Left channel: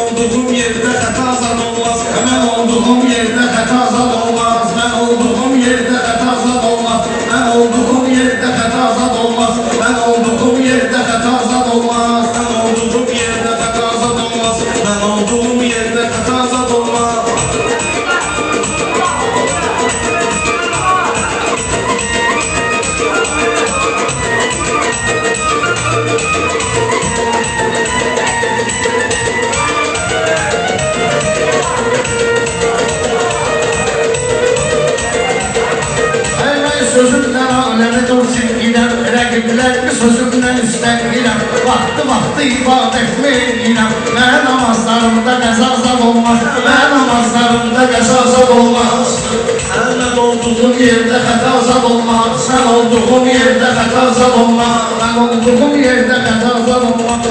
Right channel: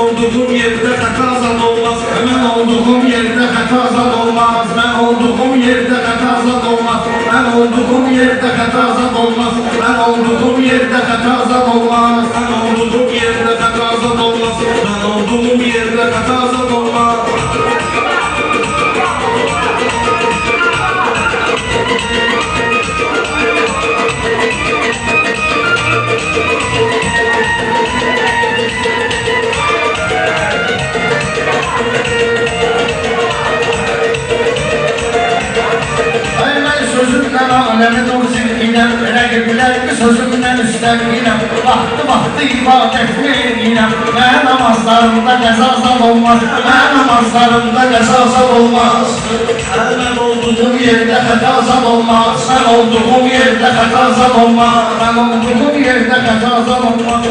olduğum yerde hata zad olmaz. Ben olduğum yerde hata zad olmaz. Ben olduğum yerde hata zad olmaz. Ben olduğum yerde hata zad olmaz. Ben olduğum yerde hata zad olmaz. Ben olduğum yerde hata zad olmaz. Ben olduğum yerde hata zad olmaz. Sözümden alemi dur zilginem, rəqiblərimi sözümdən üstənginem. Vaxtı ibadet verirəm, mən namazlarımda qəzazad olmaz. Mən namazlarımda qəzazad olmaz. Mən olduğum yerdə xətazad olmaz. Mən olduğum yerdə xətazad olmaz. Mən olduğum yerdə xətazad olmaz.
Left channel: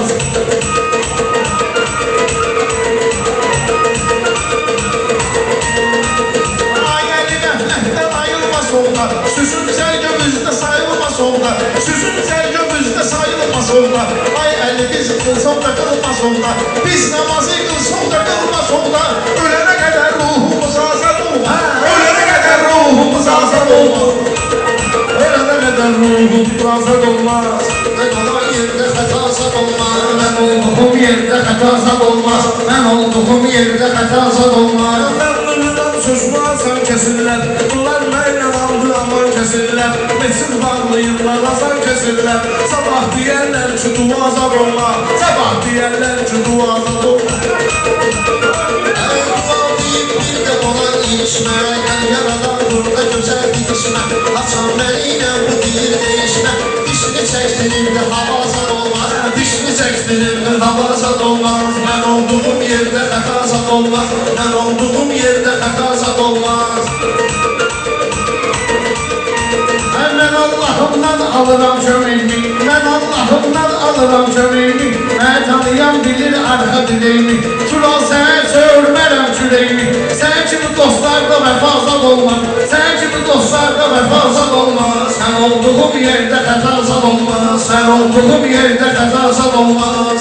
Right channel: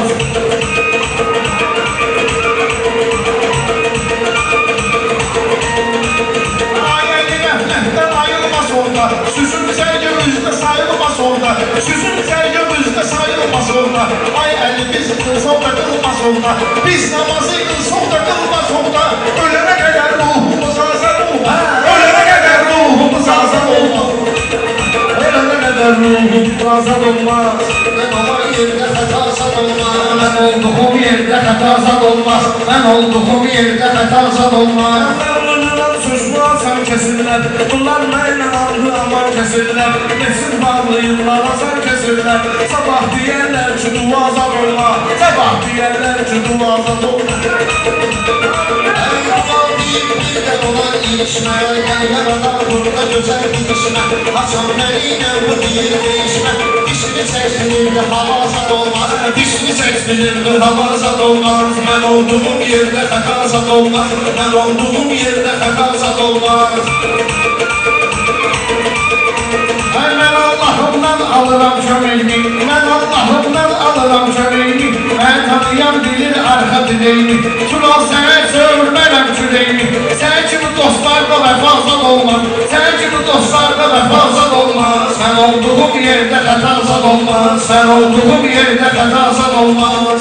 Süzün sərgümüzdə sayılmaz orada. Süzün sərgümüzdə sayılmaz orada. Ay əli biz qılsaq da qılmaz orada. Biz namazı qılsaq da qılmaz orada. Ölənə qədər ruhumuz azad olmaz. Ölənə qədər ruhumuz azad olmaz. Ölənə qədər ruhumuz azad olmaz. Mən olan yerdə xətazad olmaz. Mən olduğum yerdə xətazad olmaz. Mən olduğum yerdə xətazad olmaz. Sözümü asan kesirlər. Bunlar mənlə aldı aman kesirlər. Meçid bağlayırlar asan kesirlər. Sabah deyərlər ki dua azad olma. Sabah deyərlər ki dua azad olma. Dua deyib bir də olan ilişmə. Gel yaradan burada gözəl gidişmə. Açan nəyinə bu deyir değişmə. Dişini çəkdirir hava azad olmaz. Dişini çəkdirir hava azad olmaz. Mən olduğum yerdə xəta azad olmaz. Mən olduğum yerdə xəta azad olmaz. Mən Allahımdan alıram köməyini. Mən Allahımdan alıram köməyini. Mən tanıyan bilir arxa dileyini. Tural səhər söğürmərəm küleyini. Sən kimi dostlarda vəfazad olmaz. Sən kimi dostlarda vəfazad olmaz. Sən olduğum yerdə xəta azad olmaz. Sən olduğum yerdə xəta azad olmaz.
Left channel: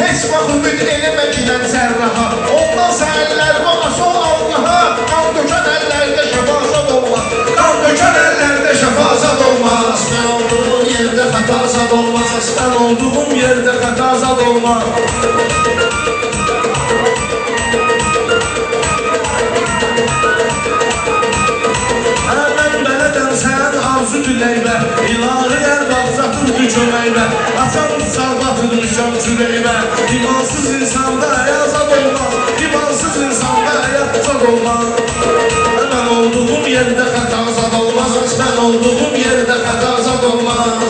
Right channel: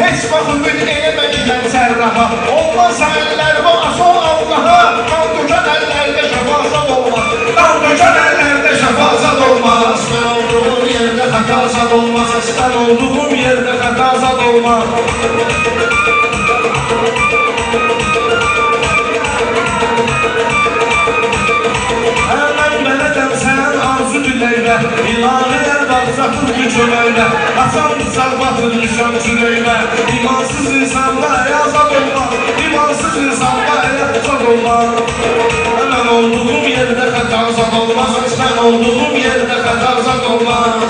Heç vaxt ümid eləmə gilən sərraha. Ondan səhərlər var sol Allaha. Qan dökən əllərdə şəfazad olmaz. Qan dökən əllərdə şəfazad olmaz. Mən olduğum yerdə xətazad olmaz. Mən olduğum yerdə xətazad olmaz. Mən bələdəm sən arzu diləylə. İlahi ərbaqsatın hücuməylə. Açam sərbatın düşəm sürəylə. İmansız insanda ayazad olmaz. İmansız insanda ayazad olmaz. Mən olduğum yerdə xətazad olmaz. Mən olduğum yerdə xətazad olmaz.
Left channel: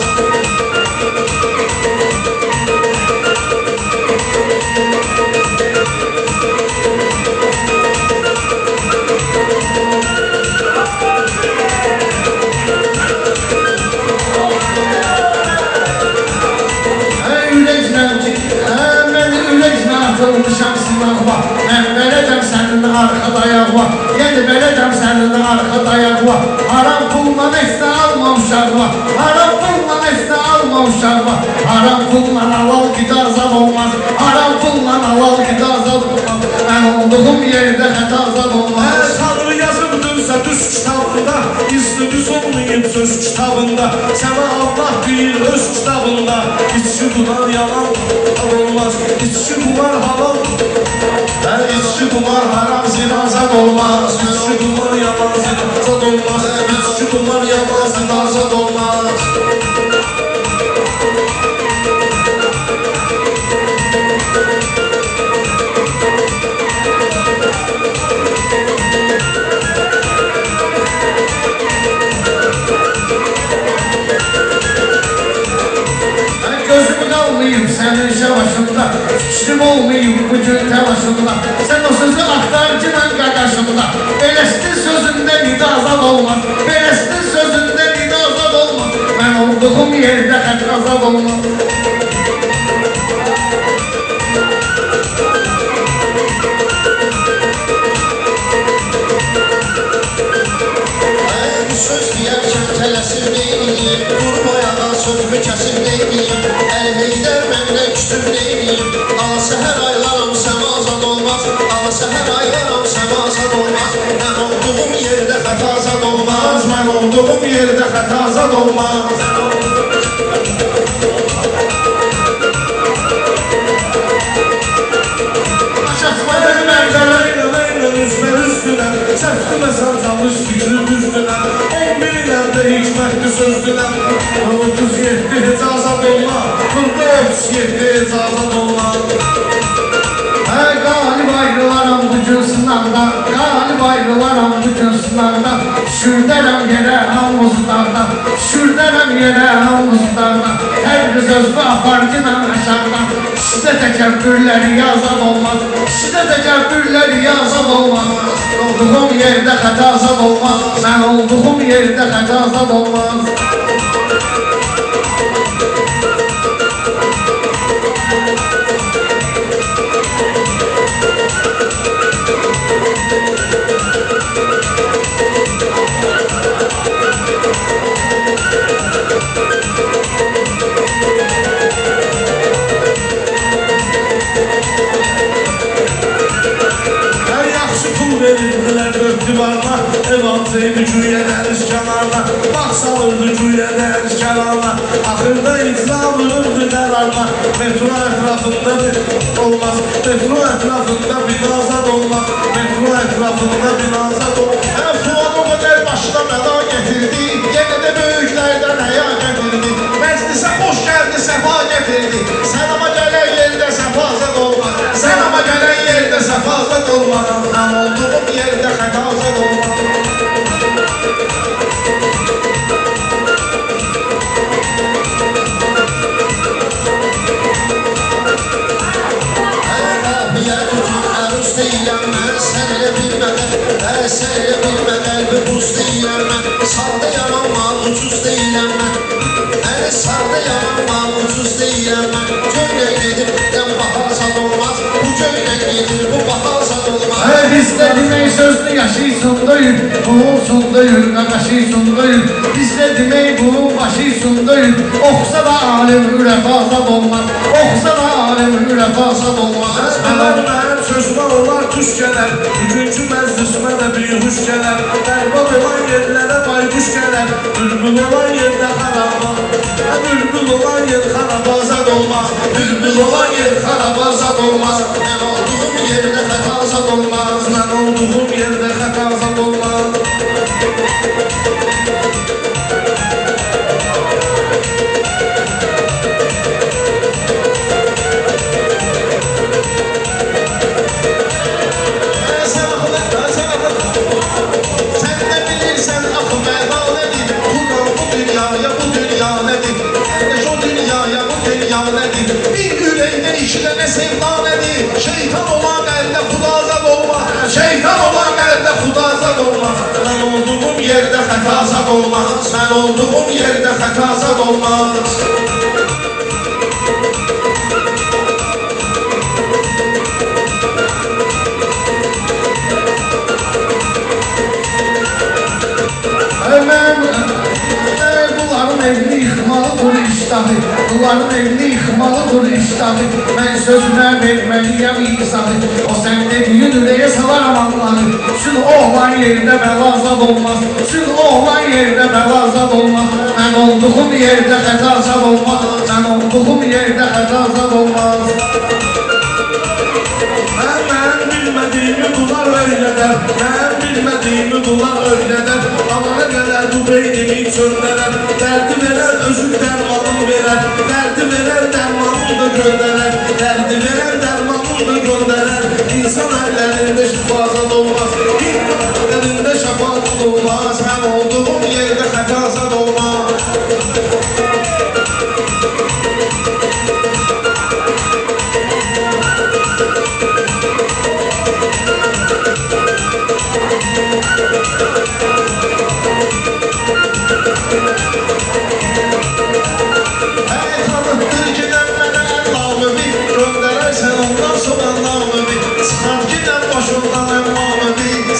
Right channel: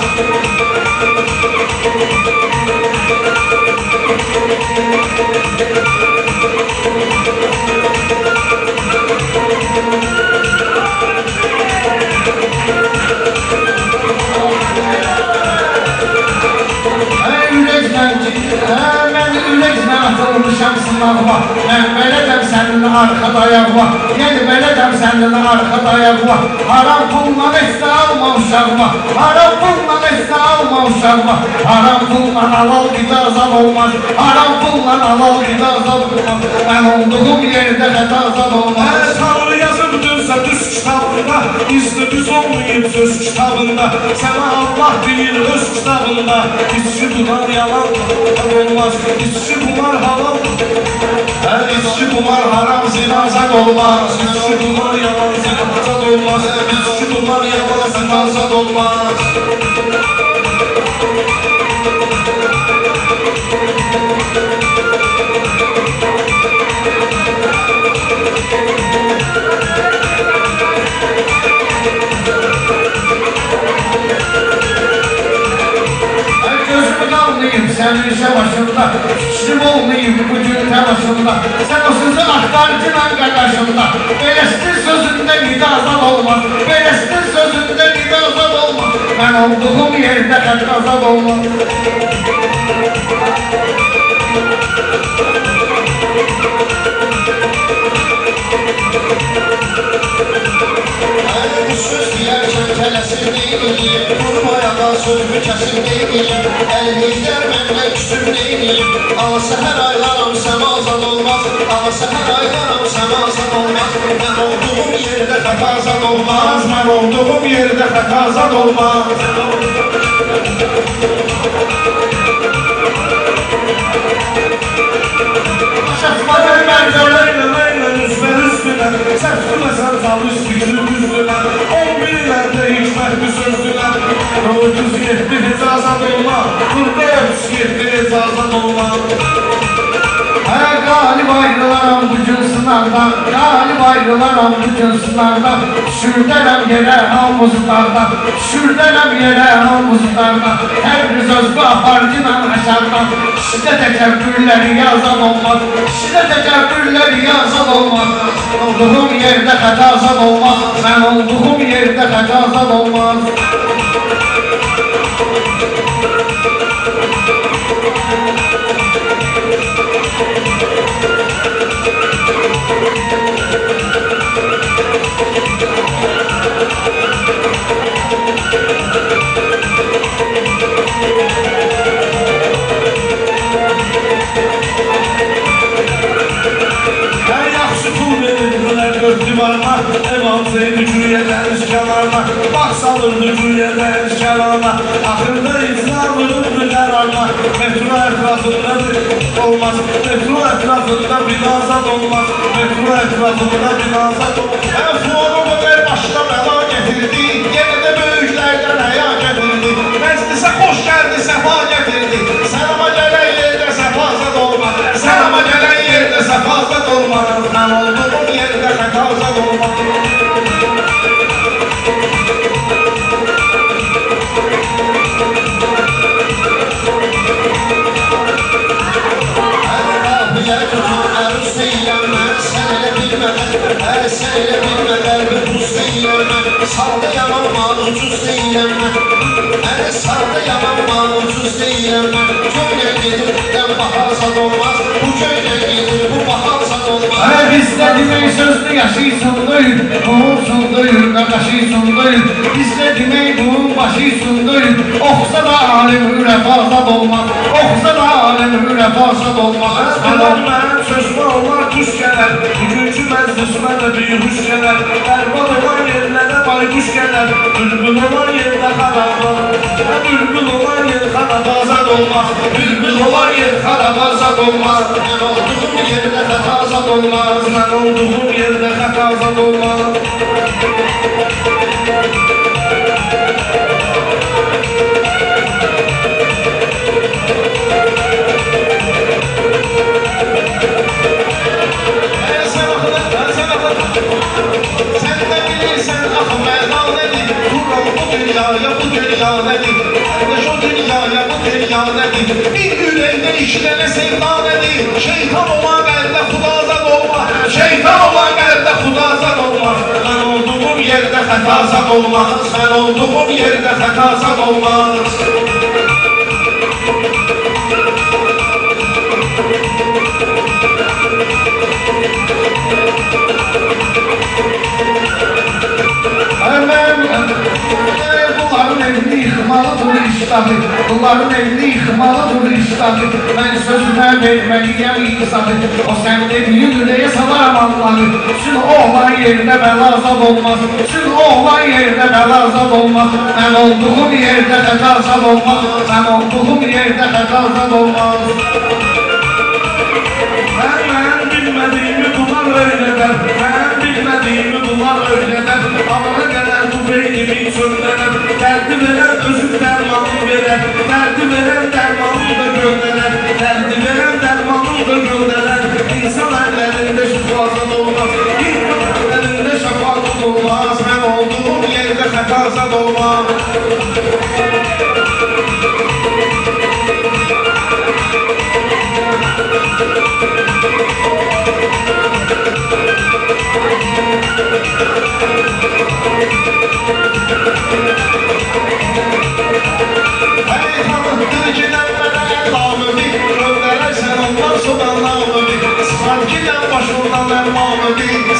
Atılmışam sınavma. Mən belədəm sənin arxada ayaqma. Yəni belədəm sənin arxada ayaqma. Haram pulla nəsə alma uşaqma. Haram pulla nəsə alma uşaqma. Haram pulla halal qida azad olmaz. Haram pulla halal qida azad olmaz. Mən olduğum yerdə xəta azad olmaz. Tanrı yazıbdırsa düz kitabında, izli düz olmayıb söz kitabında. Sənə Allah deyir öz kitabında. İçki bunlar yalan olmaz. İçki bunlar halal. İçki bunlar haram zinazad olmaz. İçki bunlar yalan zinazad olmaz. İçki bunlar yalan zinazad olmaz. Gözümü qalmayım sənin şəvaşında. Fikrim olmayım bugün təlaşında. Sən o sözü axtarcıla qaqaşında. Beləsinin sözündə nidazad olmaz. Beləsinin sözündə nidazad olmaz. Mən olduğum yerdə xətazad olmaz. kələsim neyiyim, durum ayağa sözümü kəsim neyiyim, Əli Heydər mənlə küsür neyiyim, ana səhər aylarım səmazad olmaz, ana səhər aylarım səmazad olmaz, mən olduğum yerdə xətazad olmaz, mən olduğum yerdə xətazad olmaz. Şəxsmədən məncələ üstünəm, səftiməsən çalış fikri üstünəm, 11-lərdə hikmətli sözdünəm, 37 icazat olma, 47 icazat olma. Qalib ayrılaram bütün sınavdan, qalib ayrılaram bütün sınavdan, düşürdərəm yerə hamuzlardan, düşürdərəm yerə hamuzlardan, Təbriz özbü aparcınan aşardan, kişidə təkəbbürləri yazan olmaz, kişidə təkəbbürləri yazan olmaz, olduğum yerdə xətazad olmaz, mən olduğum yerdə xətazad olmaz. Evansaydı cüye deniz kenarına, bak salırdı cüye deniz kenarına, ahırda İslam'ın kararına, metro etrafında bir olmaz, metro etrafında bir azad olmaz, metro etrafında bir azad olmaz. Fuad o kadar başına bela getirdi, yine de büyüklerden haya getirdi, meclise hoş geldi, sefa getirdi, sen ama gelen yerde sefazat olmaz, sen ama gelen yerde sefazat olmaz, ben olduğum yerde xətazat olmaz. Sən elə bilmə qəlbi buz deyiləm mən, sağda yanılma ucuz deyiləm mən, sağda yanılma ucuz deyiləm mən, göylə gedir dən baharsad olmaz, bu göylə gedir bu baharsad olmaz. Bizdə demək sözlü yaşıysın döyün, bunun sunduyur, qardaşıysın döyün, bizdə demək bunun başıysın döyün, oxusa da alim ürəfazad olmaz, oxusa da alim ürəfazad olmaz. Mənim sözümə onlar kuş gələr, bugünkü məclisimə də bir huş gələr, bərbad olan yerlərə bayquş gələr, bülbül olan yerdə xarabaz, bülbül olan yer xarabazad olmaz, bülbül olan yer xarabazad olmaz, mən olduğum yerdə xətazad olmaz, mən olduğum yerdə xətazad olmaz. Bir yüreğde işlene sevdan edin, şeytan olan elde xudazad olmaz, şeytan olan elde xudazad olmaz. Ben olduğum yerde xətazad olmaz, ben olduğum yerde xətazad olmaz. Bunların evini yıkmalıdır iştahı, bunların evini yıkmalıdır iştahı, ben sözüne vermeliyim izahı, o sende büyün üreye salar amanları, şunu oğlan yerinde belazad olmaz, şunu oğlan yerinde belazad olmaz, ben olduğum yerde xətazad olmaz, ben olduğum yerde xətazad olmaz. Ben bilmediğimi bunlar öyleder, ben bilmediğimi bunlar öyleder, anana gelir bu beynimi çöldeler, derdi veren özür dermanını verer, derdi veren dermanını da gönderer, derdi veren dermanını da gönderer, insan ellerinde şifazat olmaz, insan ellerinde şefaat olmaz, ben olduğum yerde xətazad olmaz.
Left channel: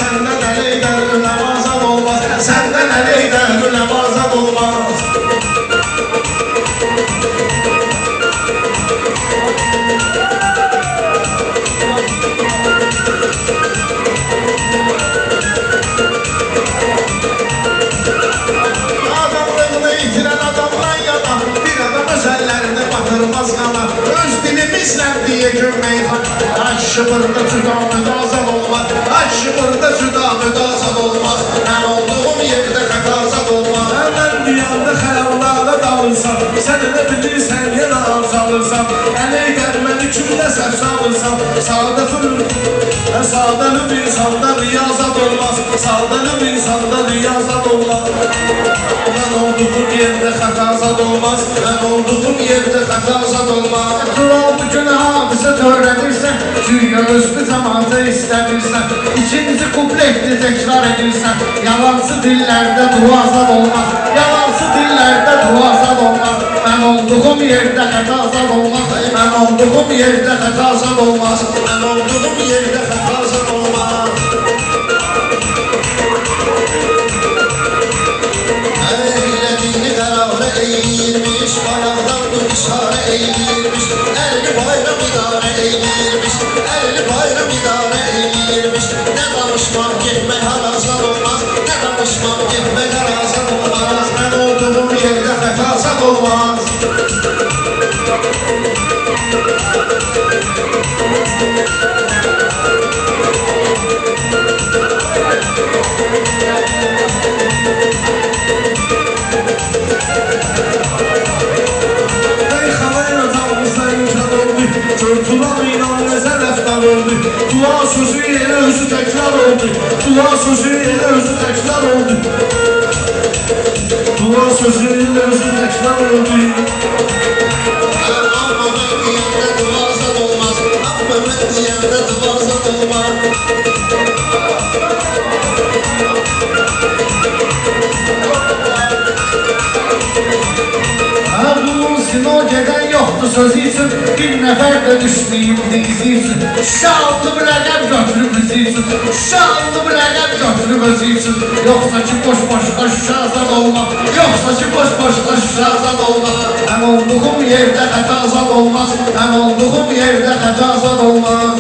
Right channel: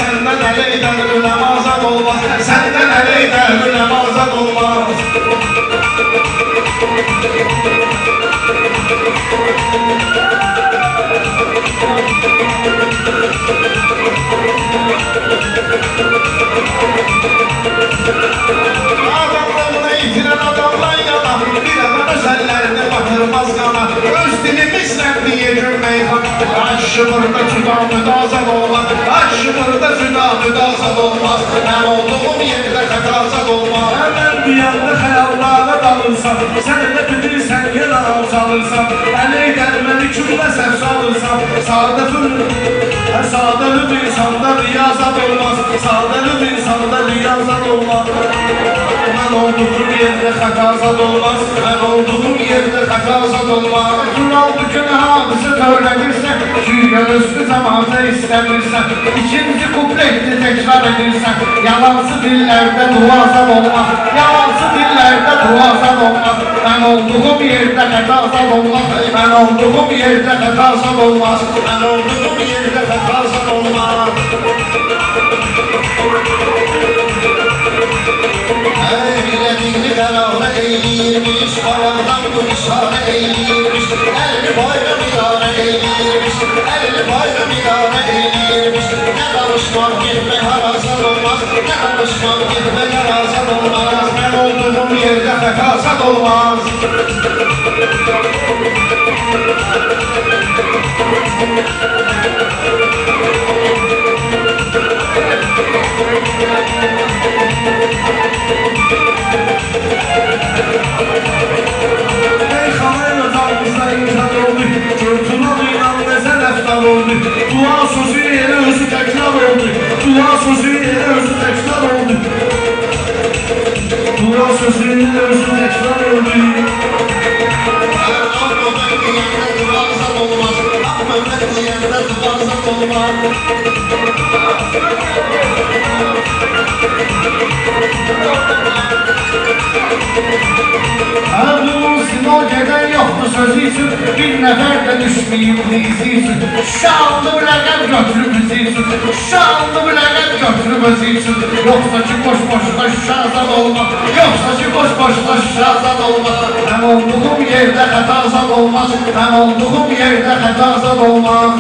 Senden əleydən üləm azad olmaz, səndən əleydən üləm azad olmaz. özüdə müdazat olmaz. Mən olduğum yerdə xətazat olmaz. Mən bir yanda xəyallara dalırsan, sən elə bilirsən yenə alçalırsan. Əli gəlməni küllə səhv salırsan. Sadəlüb insanda riyazat olmaz. Sadəlüb insanda riyazat olmaz. Mən olduğum yerdə xətazat olmaz. Mən olduğum yerdə xətazat olmaz. Tural bugün hadisə törədirsən, güya özlü cəmaatı istəmirsən. İkinci kuplekli təkrar edirsən. Yalancı dillərdə duazat olmaz. Yalancı dillərdə duazat olmaz. Mən olduğum yerdə xətazat olmaz. Mən olduğum yerdə xətazat olmaz. Mən olduğum yerdə xətazat olmaz. Eylədiyini qərarə eyləyirmiş, qarardan bu işarə eyləyirmiş. Əlini bayram idarə eyləyirmiş, əlini bayram idarə eyləyirmiş. Nə danışmaq getmək harazat olmaz, nə danışmaq getmək harazat olmaz. Mən olduğum yerdə xətazat olmaz. Meyxanayla canımızda imkan oldu, Turanıyla nəzər əftar oldu. Dua sözü yerə özü təkrar oldu. Dua sözü yerə özü təkrar oldu. Dua sözü yerə özü təkrar oldu. Amma mən deyəndə duvarzat olmaz, amma mən deyəndə duvarzat olmaz. Erdulun sinor gedən yoxdur sözü üçün, bir nəfər də düşməyib dizi üçün. Şallı bir rəqəm götürüb bizi üçün, şallı bir rəqəm götürüb özü üçün. Yoxsa ki boş-boşda şahzad olmaq, yoxsa ki boş-boşda şahzad olmaq. Mən olduğum yerdə xətazat olmaz, mən olduğum yerdə xətazat olmaz.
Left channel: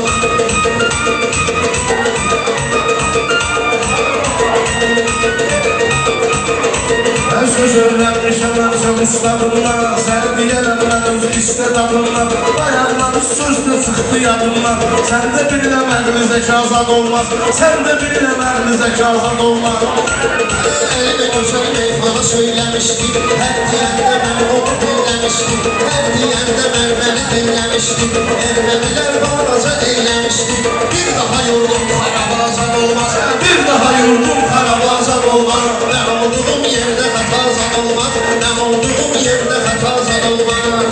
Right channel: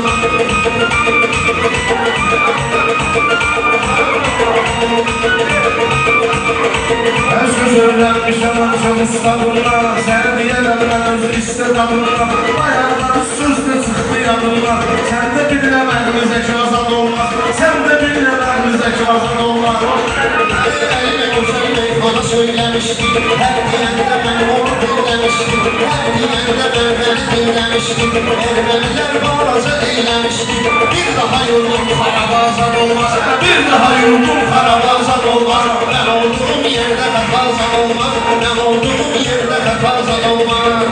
Mən söz öyrənmişəm ən son ustadımdan, sən deyənəm mən öz istedadımdan. Dayanlar sözdür çıxdı yadımdan, sən də biləmədin zəkazat olmaz, sən də biləmədin zəkazat olmaz. Əlimə gözəl meyxana söyləmişdik, hər deyəndə mən onu dinləmişdim, hər deyəndə mən məni dinləmişdim. Ermənilər balaca eyləmişdik, bir daha yurdum xarabazat olmaz, Bir daha yurdum xarabazat olmaz. Mən olduğum yerdə xətazat olmaz, mən olduğum yerdə xətazat olmaz.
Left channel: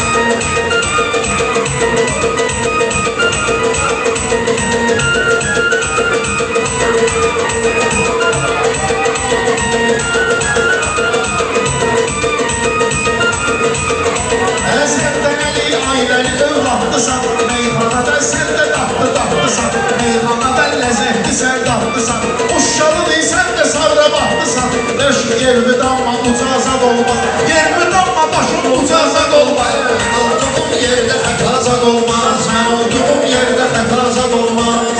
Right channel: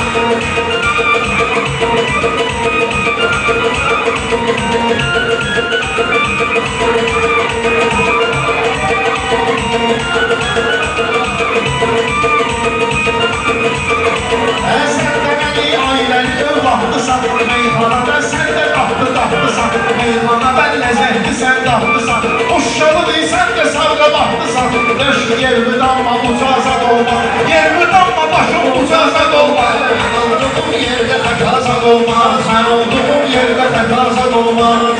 Səndən əli ailəli övladlısan, meyxanada sən də qatlı-qatlısan. Meyxanada ləzzətli sən qatlısan, uşalı deysən də savra baxdısan. Döş yermi damma ucazat olmaz, yermi damma başım ucazat olmaz. Mən olduğum yerdə xətazat olmaz, Mən olduğum yerdə xətazat olmaz.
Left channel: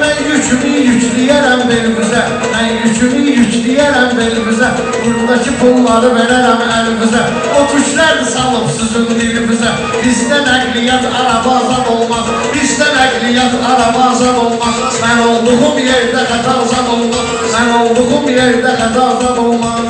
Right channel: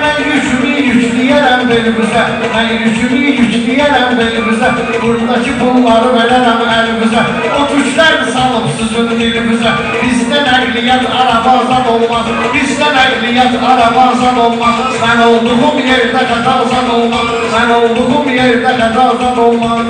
Mən yükümü yükləyərəm belimizə, mən yükümü yükləyərəm belimizə. Buradakı pulları verərəm əlimizə, o tüklər salıb sizin dilimizə. Bizdə nəqliyyat arabazat olmaz, bizdə nəqliyyat arabazat olmaz. Mən olduğum yerdə xətazat olmaz, mən olduğum yerdə xətazat olmaz.